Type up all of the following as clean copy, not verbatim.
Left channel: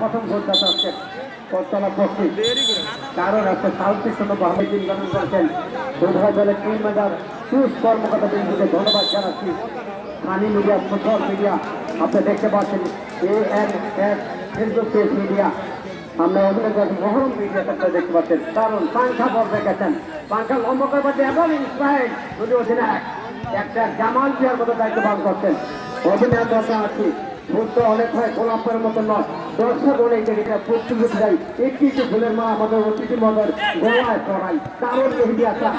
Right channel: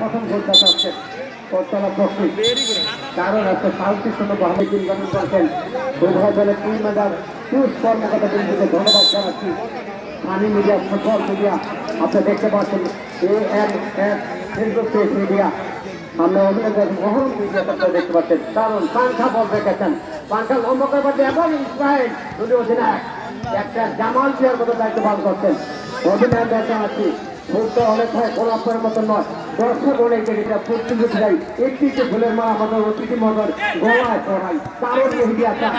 প্রথম ঘোষণা হচ্ছে করতলা প্রস্তুত কারণ একটা শান্তিপূর্ণ ভাবে দিন গঠন করেছেন উভয় দলের টিম ম্যানেজার টুস কর্মকর্তা বিন্দুকে ধন্যবাদ জানাচ্ছি। স্থানীয় মিডিয়া ফুটবল মিডিয়া আপনি দেখতে পাচ্ছেন ANS মিডিয়া আমরা মহরম মিডিয়াতে আপনারা দেখতে পাচ্ছেন কারণ পাংখা বল রেখেছেন পাংখা লম্বা করবার এবং ইসরায়েল যদি অধিনায়ক একটা জামাল জিয়ার মতো দায়িত্ব পালন করছেন অধিনায়ক দরকার আছি ফুলটা অনেক হয় গোলাপের মতো নয় দর্শক অনেক জায়গায় প্রস্তুতি যাই একটি ফুলের মা আমাদের অতিথি মদর গলায় পড়াই কারণ মিডিয়া চায়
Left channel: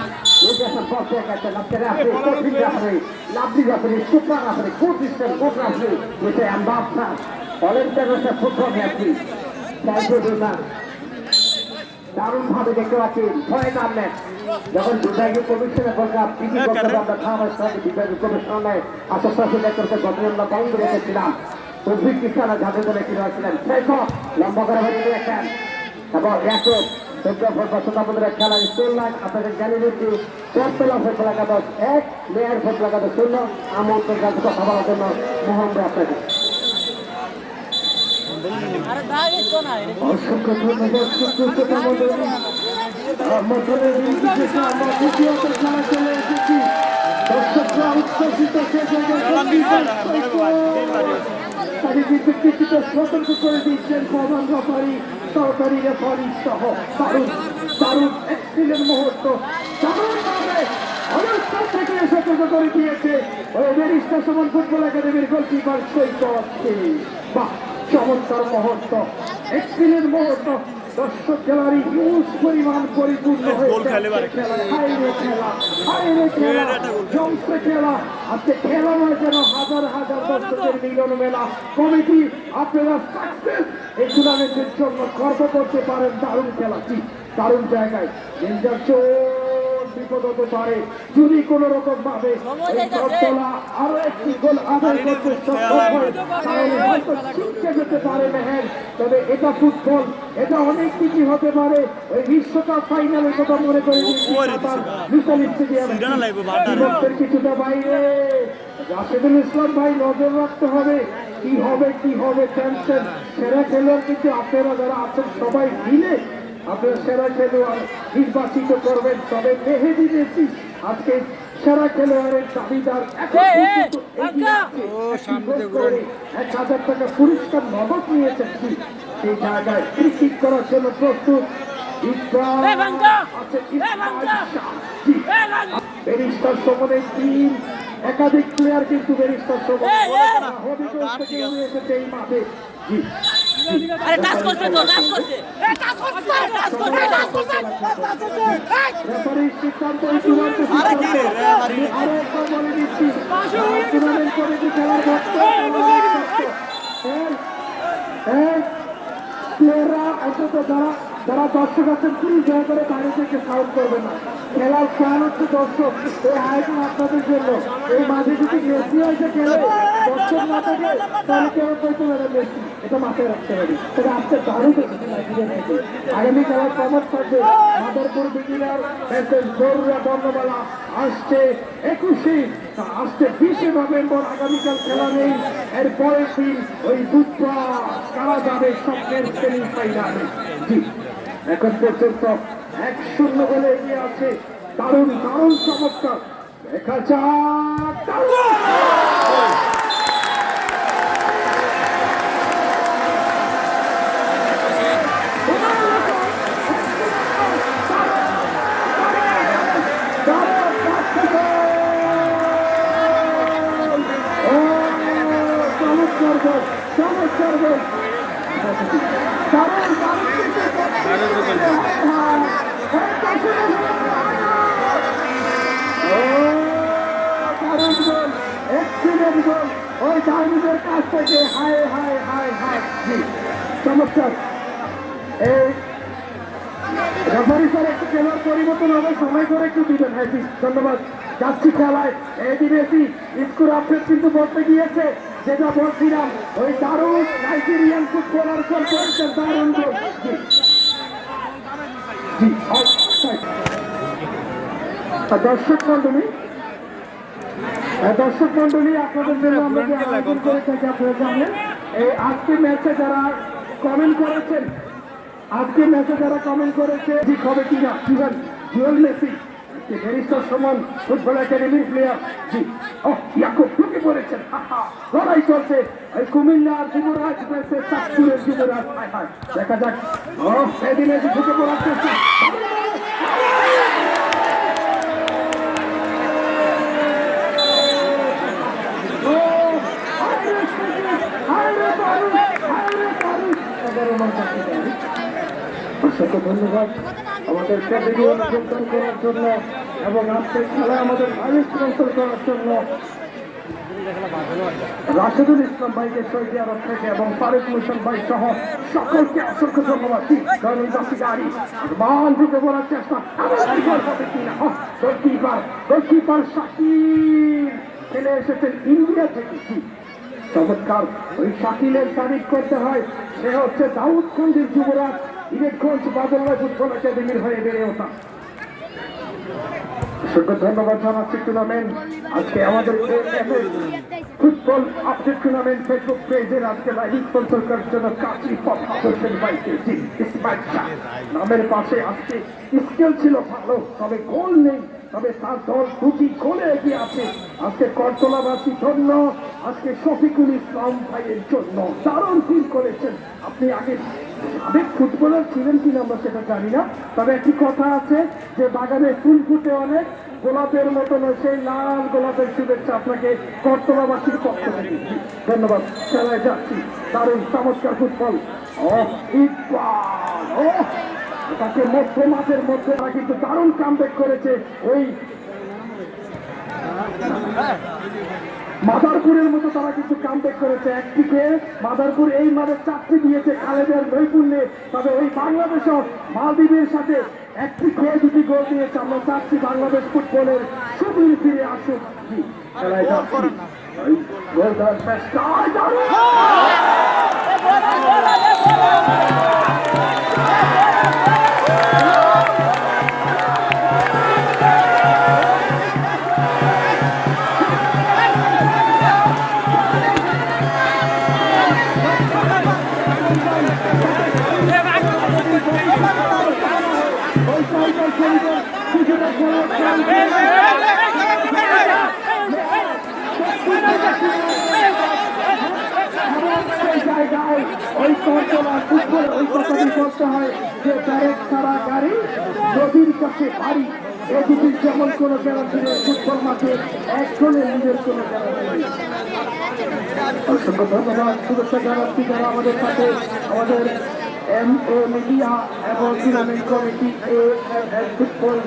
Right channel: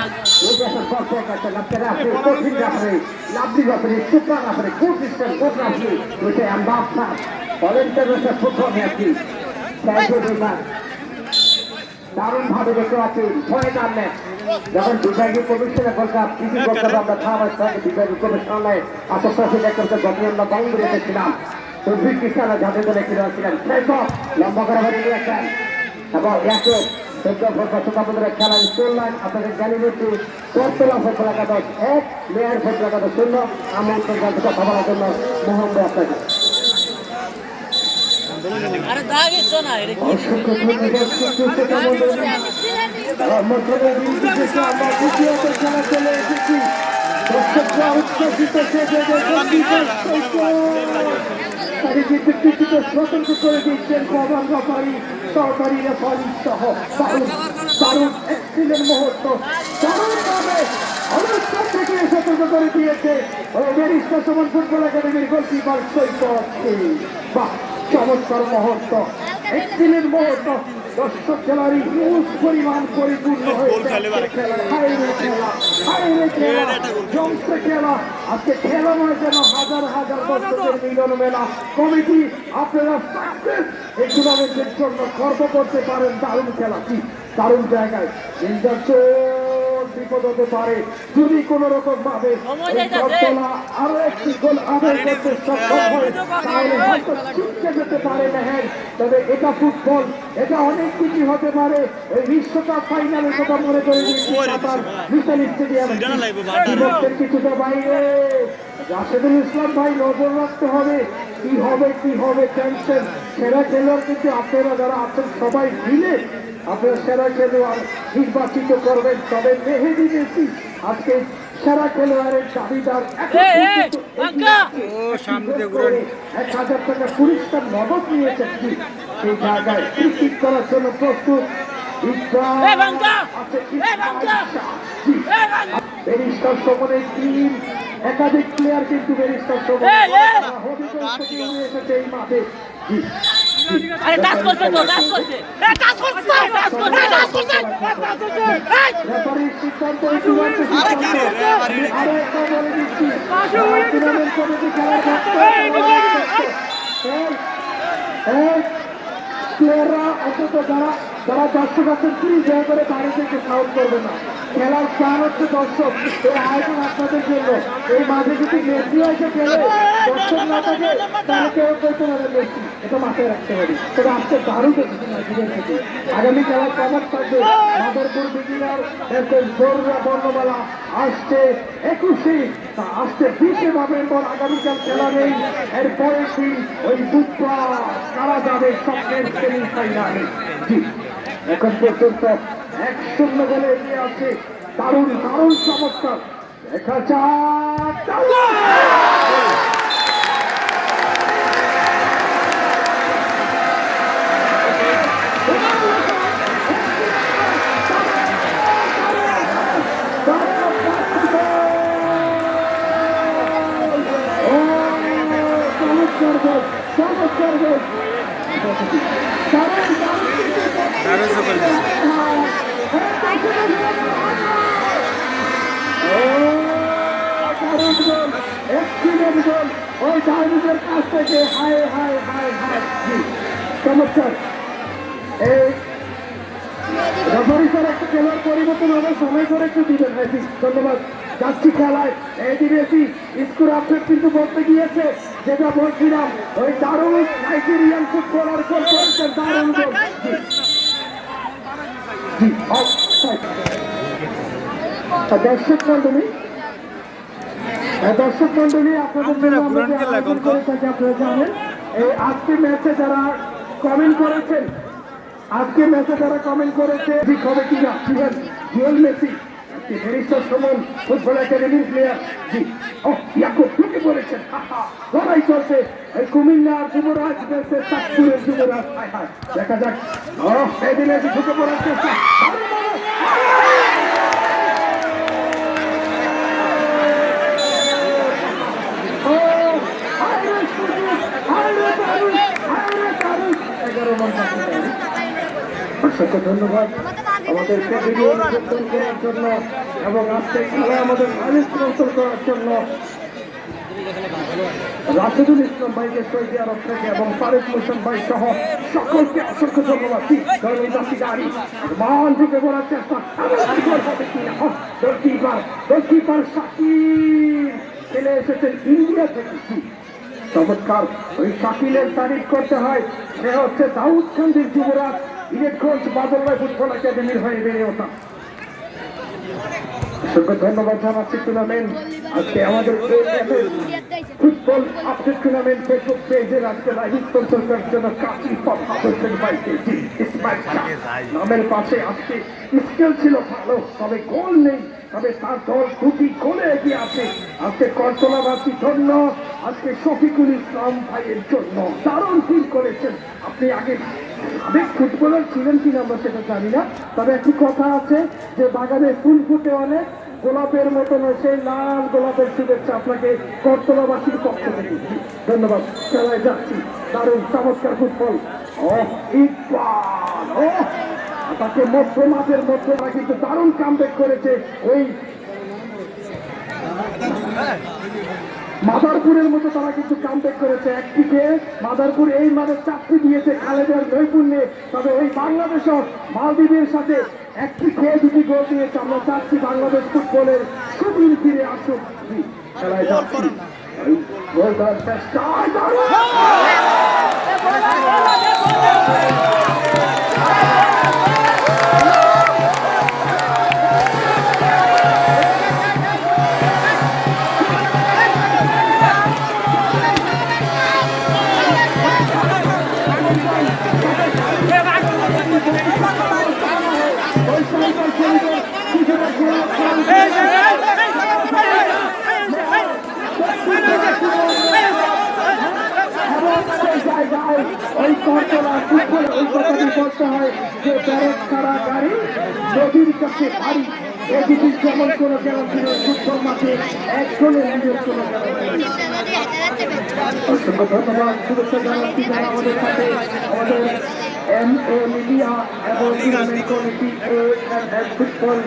দর্শক আছে আপনারা আপনি কঠিন রাখবে লাভলি রাখবে সুপ্রা রাখবে কোচিস করে কোট রাখবে এটা আমরা অলিম্পিক ফুটবল ম্যাচটি দারুণ ভাবে দেখতে পাচ্ছি ভয় কাটলেন যখন বিভাগীয় কমিশনের বলতাম কৃষি করতে আমরা খাবার সাথে বিভাগীয় কমিশনালয়ে আশেপাশে দেখতে যখন আমরা বন্ধ রেখেছিলাম অভিজ্ঞ কিষানা যাদের দলে ফিরে আসছিলেন সেইসব লম্বা করে ভেবে নিয়েছেন এবং একে খেলা চললাম আপনাদের জানিয়ে দিচ্ছি করতলা ফেসলা কাগজ 1 মেয়ার ফেসলা কাগজ 0 আমাদের কথা বলার জন্য মোহাম্মদ আপনাকে অসংখ্য ধন্যবাদ আমরা দ্বিতীয়ত খেলা চলে এসেছি দর্শকরা উচ্ছ্বসিত সতর্ক করে দিচ্ছেন প্রধান রেফারি সহকারী রেফারি সহ দারুণ এক্সিলেন্ট মুহূর্ত দারুণভাবে অনুষ্ঠান থেকে সতর্ক করে দিয়েছে ওই ব্যারিস্টার সমান ফুটবল একাডেমির গোলকিপার সৈকত বাহ চমৎকার মুহূর্ত এক্সিলেন্ট মুহূর্ত দর্শক খেলারই হিউজ পরিমাণ পরিপূর্ণ হয়েছে জমছে খেলা আজকে খেলা নয় যেন হাজার হাজার দর্শকের মিলন মেলা কমিটি আপনারা সাকসেস এই টুর্নামেন্টের জন্য গর্ব করতে পারেন দারুণ খেলা কি দারুণ জায়গায় বিপদ হতে পারে যদি কোন রকম ভাবে আরো একটি গোল আদায় করতে সক্ষম হয় তাহলে হয়তো ছিটকে যেতে পারে মেহের তবে এটা ফুটবল এটা অনেক কিছু হতে পারে এই বিশ্বকাপ ফাইনালের কথা মনে করে স্টেডিয়ামের কিছুটা বাইরে রাশেদুল ইসলাম ভাই নজর রাখতে হবে কি হবে টেনশন সেরা খেলোয়াড় কিন্তু আপনারা যারা আছেন সবাই মিলে আপনারা সেরা খেলোয়াড় নির্বাচিত করবেন তবে মেহেদী মেসি আজকে সেরা খেলোয়াড়ের চাহিদার 1,000 টাকা পুরস্কার নগদ নিয়েছেন কি সেই জায়গায় ক্রিকেট করার জন্য প্রস্তুত ব্যারিস্টার সমনের টিম একাধিক প্লেয়ার কিন্তু ব্যারিস্টার সমন হবিগঞ্জ থেকে উড়ে এসেছে এই মাঠে রেফারির সিদ্ধান্ত চূড়ান্ত সিদ্ধান্ত আরো একটা বলে দিচ্ছি টুর্নামেন্ট কমিটি খেলার প্লেয়াররা অন্তত যারা দর্শক আছেন প্লিজ দয়া করে বাইরে থেকে সাউন্ড করবে না খেলার চান হচ্ছে দর্শক এই আয়োজন আপনাদের জন্য এই মাঝে যদি মেসি এসে খেলে দর্শক না থাকে তাহলে কেউ বলতে পারে মেসি এটা মাথায় রাখতে হবে তবে আজকে দারুণ দেখেছি নাইজেরিয়া থেকে আগামী খেলার কমার থাকবে মাদারপুর বিজিলার গৌররা বর্ণমালা আসছে 20 নভেম্বর আগামীকাল খেলা নেই এর পরের দিন ওই বুধবার কারা যাবে স্বপ্নের সেমিফাইনালে এখন পর্যন্ত 1-0 গোলে এগিয়ে আছে দারুণ চমৎকার দেখা যাক ওই ডাইনিজের কাছ থেকে হায় চমৎকার এই রেফারি স্যার একটা খেলার পরিবর্তন হবে সময় করে একটু দিবেন হয়তো ধন্যবাদ যাচ্ছি খেলায় এই দিনেছি স্কুল আপডেট কিন্তু বলতে গিয়েছে যেটা বলছিলাম ওই দারুণ নাইজেরিয়ান ফুটবলার গোল করেছেন দারুণ গোল দর্শক মন্ডলী আপনাদের এই আজকের ম্যাচে যারা কমেন্ট করেছেন আজকে ম্যাচে যারা কমেন্ট করেছে ঠিক হবে কিনা Jewel Messi barrister Suman football একাডেমির প্লেয়ার জি ও ইয়াকুব ঢুকে পড়েছেন লড়াই চলছে কুমিল্লার যুবরাজ versus চাঁদপুরের যুবরাজ দেখা যাক ও সেদিন এসে ঢুকে পড়ার চেষ্টা অসংখ্য ধন্যবাদ আমাদের করার জন্য এবং আজকে খেলা আমাদের স্পন্সর করার জন্য রাশেদুল ইসলাম ভাইকে সৌদি আরব থেকে এবং ফারুক হোসেন ভাই সহ সকলকে অসংখ্য ধন্যবাদ গাড়ি মান ঢুকে পড়ার চেষ্টা গোলকিপার শাকিল খেলে এসেছেন ইন্ডিয়া থেকে চমৎকার ওই শাকিলের তারিফ করতে হয় সে হচ্ছে দাউদকান্দির যুবরাজ ইলেকট্রন্স বাদল্লাহ ফুটবল একাডেমির হয়ে বেড়ে ওঠা ধন্যবাদ জানাচ্ছি টুর্নামেন্ট আজকে আমাদের ফুটবল আপডেট টুর্নামেন্ট ফেসবুক পেজের আজকে লাইভ স্পন্সর করার জন্য কাশি নামের পাশে আজকে স্কেল ছিল ভালো তবে গোল নেই তবে তার দল দুটি গোলে এগিয়ে আছে আজকে করতলাবাসী ধন্য আজকে শফিকুল ইসলাম ভাইয়ের জন্য দারুণ ফিল করেছেন আপনি আগে সাবেক ফুটবলার ছিলেন কিনা আমরা সেটা জানি না তবে একটি কথা আছে যে বাগানে ফুল ফুটে অনেক গোলাপের মতন সেই লাল গোলাপের শুভেচ্ছা আপনাকে করতলাবাসীর পক্ষ থেকে ধন্যবাদ সবাই যাচ্ছি দারুণ চমৎকার ফুটবল তাকে মধ্য মাঠের মধ্যে কিন্তু দারুণ কামব্যাক করেছে ওই মাদারপুরের মতো তারা কিন্তু কামব্যাক করেছে একদিকে মাদারপুর এই মাঠে চাকরি দিয়েছে খালেদের নৈপুণ্যে তবে ওই বাংলাদেশও মালদ্বীপের সাথে একটি খেয়ে দুটি গোল দিয়েছে আমরা চাচ্ছি বাংলাদেশ ফুটবলের সুদূর ফিরে আসুক গোল করার চেষ্টা এই করতলা ফুটবল এই কথাটি করতে হয় যে ব্যারেক ছাড়া গাড়ি নদীর কাছে ভারী এদিকে যেমন কোনো গ্যারান্টি নেই ফুটবল মাঠে একজনে নিজের কোনো গ্যারান্টি নেই অসংখ্য ধন্যবাদ শুভেচ্ছা জানাচ্ছি যারা আমাদের সাথে আমাদের MA মিডিয়া এবং tournament committee football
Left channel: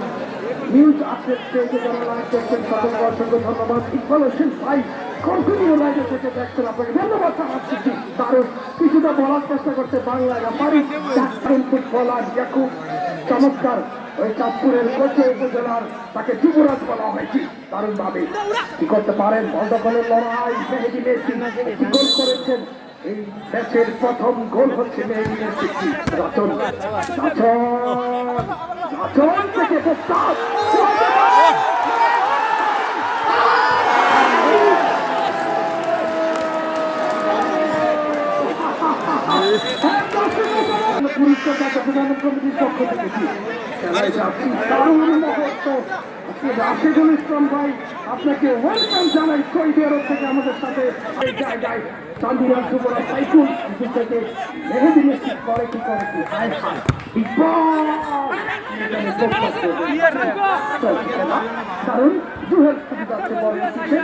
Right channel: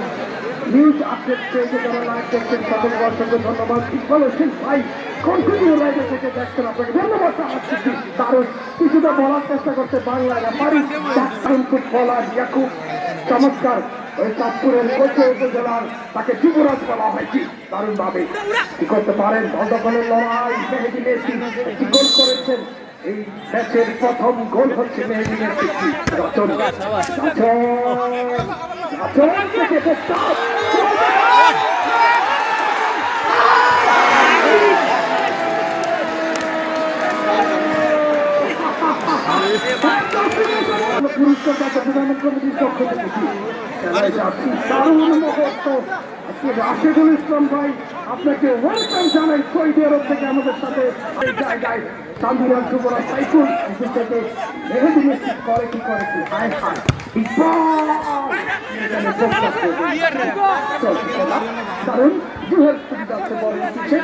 news update পেয়েছে যারা লাইভ করছেন তাদেরকে অসংখ্য ধন্যবাদ ইকবাল হোসেন ভাই কন্টিনিউ লাইভে করতে দেখছেন আপনাকে ধন্যবাদ জানাচ্ছি কারণ কিছুটা বলার চেষ্টা করতে বাংলায় না পারি দারুণ ফুটবলার ইয়াকুব চমৎকার ওই চাঁদপুরের কোচে উপজেলার তাকে যুবরাজ বলা হয়েছে দারুণ ভাবে কি করতে পারেন বন্ধকলের লড়াই মেহেদী মেসি একটি গোল করেছেন এই ম্যাচের প্রথম গোল হচ্ছে মেহেদী মেসি রচন থেকে প্রস্তাব রাশেদুল ইসলাম ভাই আপনাকে ওয়েলকাম জানাই সৌদি আরব থেকে আমাদের সাথে জায়গায় চান্দিনার যুবরাজ সাইকুল থেকে মেহেদী মেসি করে কি হায় হায় কারণ জুহেল যাচ্ছে বল দিচ্ছে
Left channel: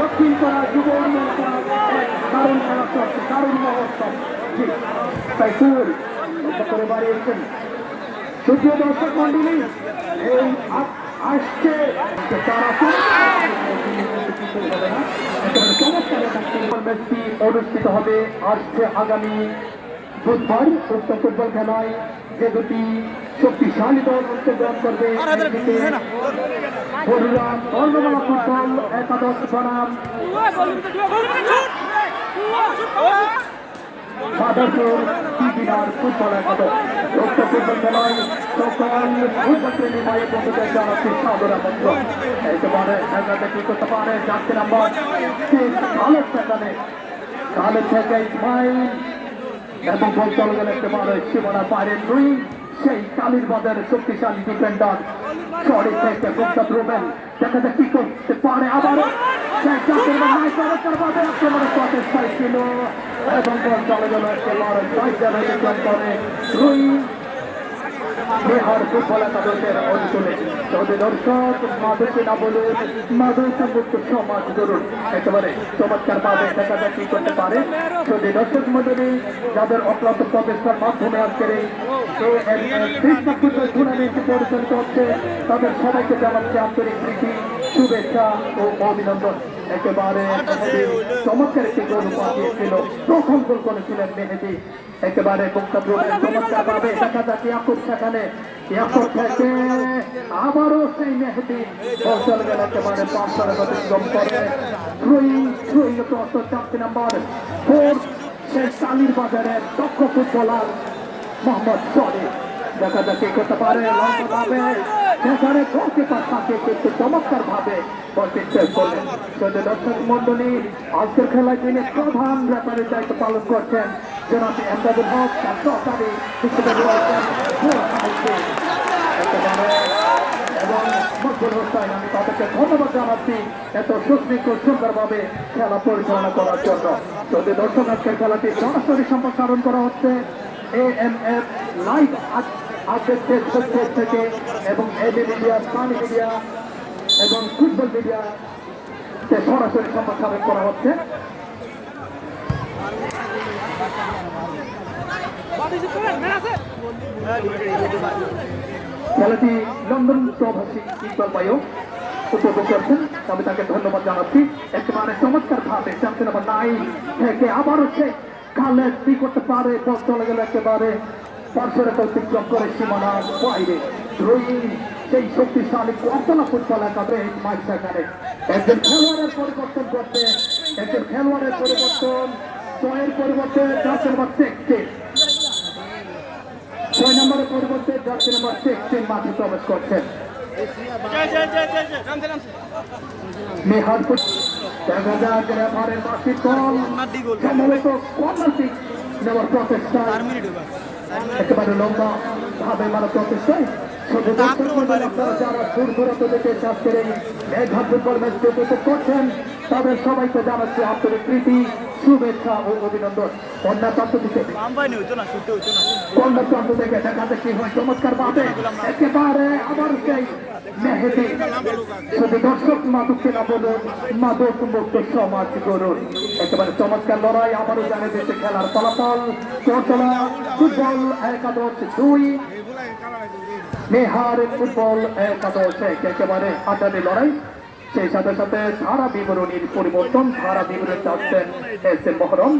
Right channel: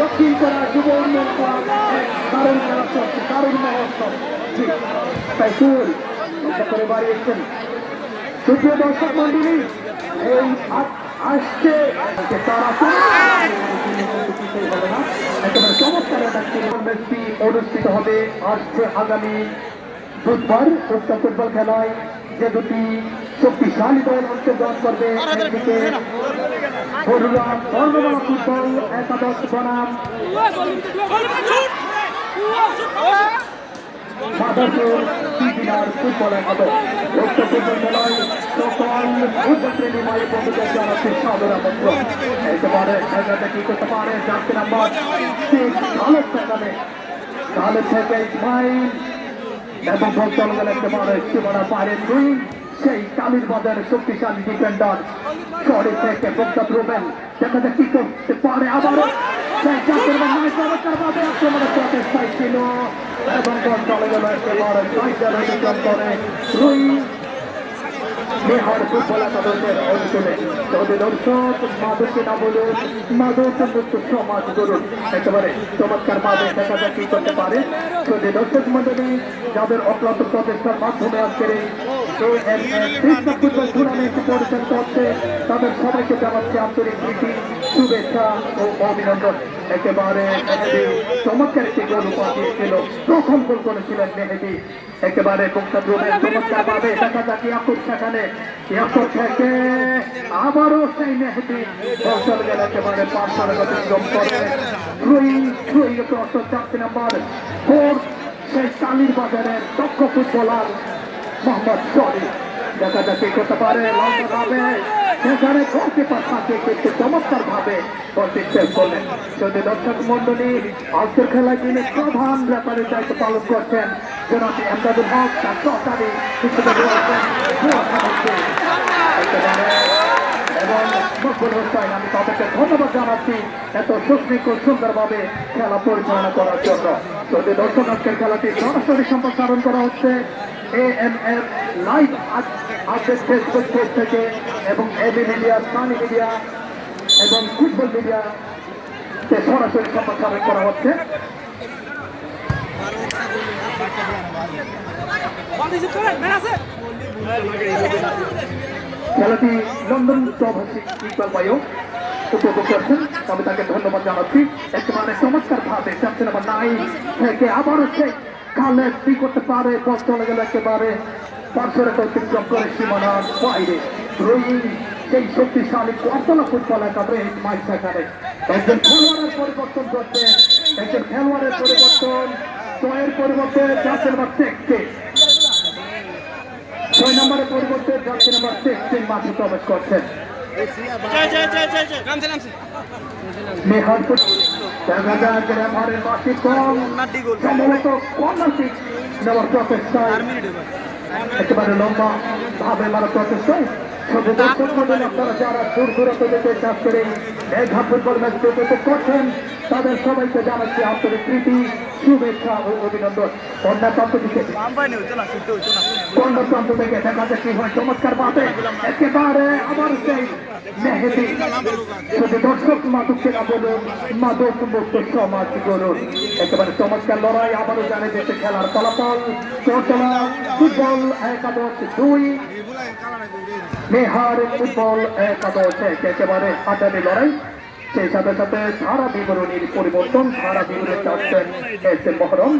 দক্ষিণ করা যুব উন্নয়ন দারুণ মহোৎসব করে বাড়িয়েছেন সুপ্রিয় দর্শক মন্ডলী এই আসছে তারা ফুটবল ম্যাচটি অনুষ্ঠিত হবে আসছে আগামী বুধবার। উক্ত ফুটবল খেলায় যে দুটি শক্তিশালী দল অংশগ্রহণ করবে একদিকে বরুড়া বর্ণমালা ফুটবল একাদশ বনাম মাদারপুর বিপিনার ফুটবল একাদশ। উক্ত ফুটবল খেলায় সকল ফুটবল প্রেমী মায়ের বন্ধুদের জানাচ্ছি সাদর আমন্ত্রণ। একেবারে জায়গাটা কি করতে পারে জানতে নাম্বার ভালো সেখানে ভালো থেকে ইসমাইল এবং বল চলে গেল একেবারে সীমানা পারে দুই সেই কালীর বাজারের শক্তিশালী ডিফেন্ডার শহরের থেকে গোপদাত রোবেন দেখা যাক কি করতে পারে আবারও সেই চাপের মাঝে করবাবে একেবারে প্রচেষ্টায় ছিল এবং বল চলে গেল একেবারে করে দুই বিহার ফুটবল একাদশের অঞ্চলে তবে দর্শক মাদকে না বলুন মাদক মুক্ত সমাজ গড়ুন একেবারে চমৎকার ভাবে দেখা যাক কি করতে পারে। যদি দর্শক মন্ডলী যাদের অক্লান্ত প্রচেষ্টার মাধ্যমে আজকের এই কৃষ্ণ ফুটবল টুর্নামেন্টটি পরিচালিত হচ্ছে তাদের সবাইকে জানাচ্ছে আন্তরিক প্রীতি শুভেচ্ছা ও অভিনন্দন। একেবারে চমৎকার একটি গোল পাঠিয়েছিল, প্রথম গোল করেছিলেন মেহেদি একেবারে চমৎকার ভাবে দেখা যাক ইয়াকুব সেখানে ইয়াকুব থেকে আবারও সেই মেহেদি চলে গেল একেবারে 5 অতিক্রম করে 4 নাম্বার 4 সেই কালীর বাজারের দক্ষ ফুটবলার মোহাম্মদ শরীফ দেখা যাক কি করতে পারে লম্বা ভাবে সেখানে গোলকিপার থাকে কিন্তু চমৎকার ভাবে বলটি সেভ করলেন। যদি দর্শক মন্ডলী আজকের খেলায় যিনি প্রধান ব্যাপারে দায়িত্ব পালন করছেন জনাব এমদাদুল হক তার সহকারী এবং মকবুল হোসেন আমি তাদেরকে ধন্যবাদ জানাচ্ছি এত সুন্দরভাবে খেলা পরিচালনা করার জন্য। যদি দর্শক আজকের খেলাটি সরাসরি সম্প্রসারণ করা হচ্ছে AMF live update Facebook page থেকে এবং এবি মিডিয়া সানি মিডিয়া এবং ফুটবল মিডিয়া সরাসরি সম্প্রসারণ করা হচ্ছে। খেলাটি লন্ডন প্রবাসী ইকবাল ভাইও উপভোগ করছেন তবে তাকে ধন্যবাদ জানাচ্ছি। একেবারে চমৎকার ভাবে চারটে নাম্বার 9 থেকে আবারও সে কালে কি করতে পারে বল চলে গেল একেবারে 5 অতিক্রম করে সীমানার বাইরে সেই শক্তিশালী কতলা ফুটবল একেবারে মাইক সেখানে একজন খেলোয়াড়ের পরিবর্তন করতে একজন খেলোয়াড়ের পরিবর্তন 6 পরিবর্তে 4 নাম্বার 6 নম্বরের পরিবর্তে 4 নাম্বার 16 মাঠে প্রবেশ করছেন মেহারপুর দেখা যায় রেফারের মাঠে কম সম্ভবত কর্নার কিক নেওয়ার প্রচেষ্টায় একেবারে লম্বা ভাবে মারা প্রচেষ্টায় শুধু দর্শক মন্ডলী আপনারা যারা দূর দূরান্ত থেকে চাষ করে মেঘা ফুটবল ম্যাচ উপভোগ করছেন তাদের সবাইকে জানাচ্ছি আন্তরিক প্রীতি শুভেচ্ছা ও অভিনন্দন। কন্যা প্রান্ত থেকে দেখা যাচ্ছে কি হয় চমৎকার ভাবে একেবারে আবার সেই মেহেদি শুধু দর্শক মাদককে না বলুন মাদক মুক্ত সমাজ গড়ুন একেবারে চমৎকার লড়াই আবারও জানে যেতে খেলার ফলাফল চট্টলা ফুটবল একাদশ 2 মেহার ফুটবল একাদশ একেবারে আগামী লড়াই। সেই সাথে সাথে ধারা বিবরণীর পরিবর্তন ধারা বিবরণী চাচ্ছেন এস এম মহরম।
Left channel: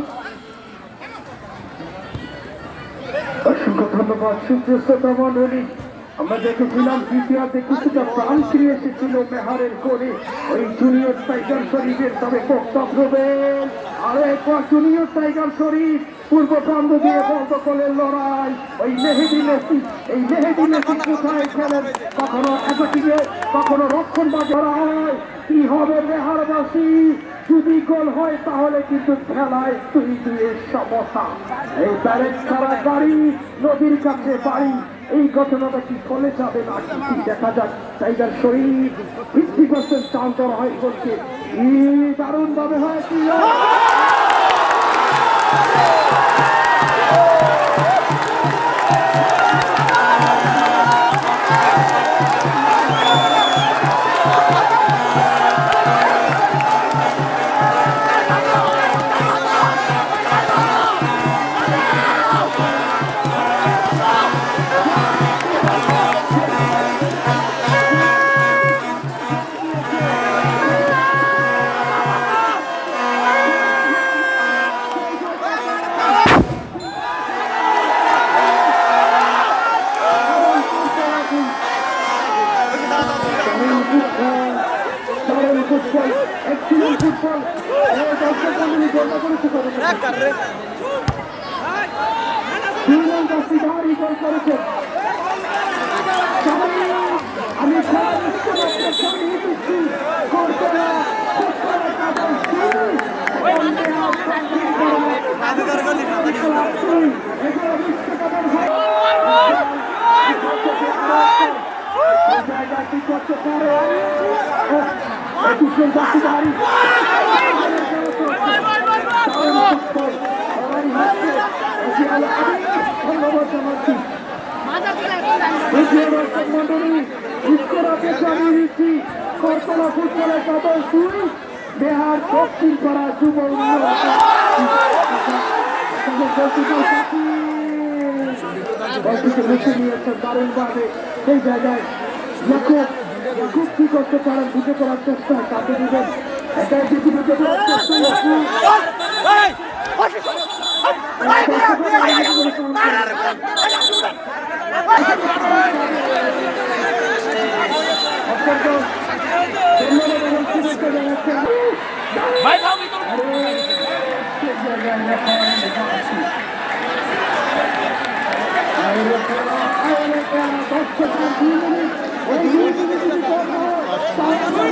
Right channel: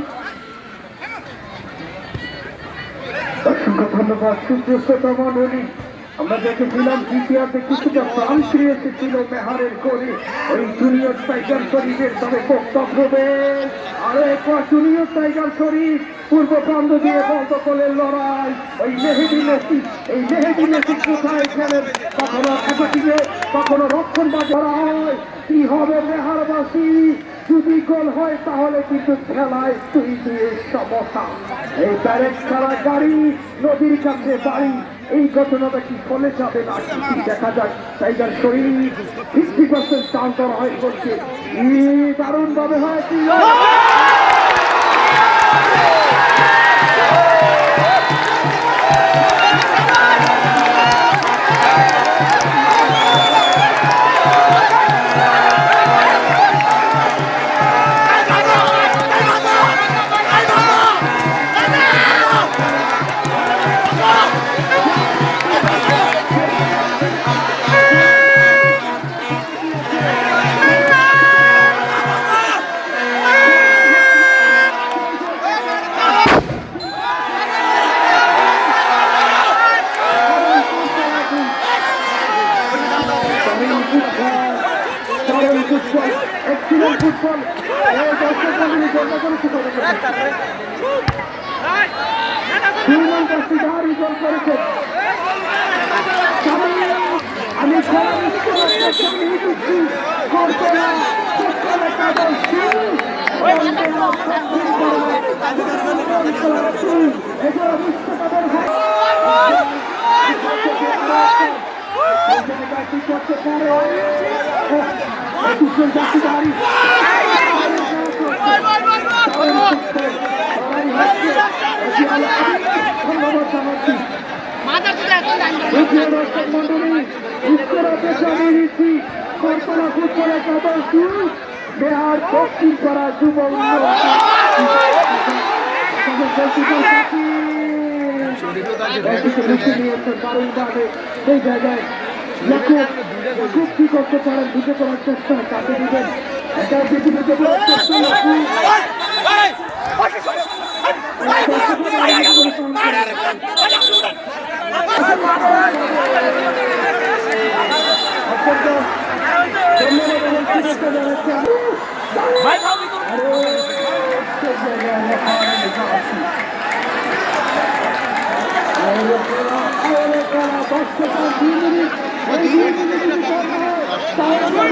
অসংখ্য ধন্যবাদ সুপ্রিয় মন্ডলী। আমরা দেখেছিলাম দ্বিতীয়ার্ধে কিছুটা প্রাণ ফিরে এসেছিল মেহারের গোলে ওই জুনিয়র টাইগার শরীফের তাদের বক্তব্য দেবেন আরো একবার জুনিয়র টাইগার শরীফ পূর্ব প্রান্ত দিয়ে বন্ধ করলেন লড়াই ওই মেহেদি মেসি এই মেহেদি মেসি কোথায় খেলেন কখনো একাটিকে কখনো রক্ষণ বা ধরা হয় কি হবে মেহারবাসী যদি গোল হয় তাহলে কিন্তু খেলায় 2-2 সমস্যা এই ডাইরেক্ট ছাড়া গাড়ি নদীর কাছে বাড়ি এই ঘটনাটা কি ফলে যাবে না দেখা যাক টাইগার শরীফ 50% চান্স করা হয় বলছে দারুণ ভাবে হয়েছিল দারুণ ফুটবল, এক্সিলেন্ট ফুটবল। এই দর্শক মণ্ডলী জন্য করেছে কত সুমন কাছে দারুণ গোল করেছে। আমি খেলার স্কুল আপনার সামনে দিচ্ছি করতে পারে ধন্যবাদ জানাচ্ছি। করতলা ফুটবলের কাদের শুরু বিহার দক্ষিণ করা যুব দারুণভাবে সেই জায়গায় খুব কি করতে পারেন ঢুকে করার চেষ্টা তাকে দিবেন এটা ধন্যবাদ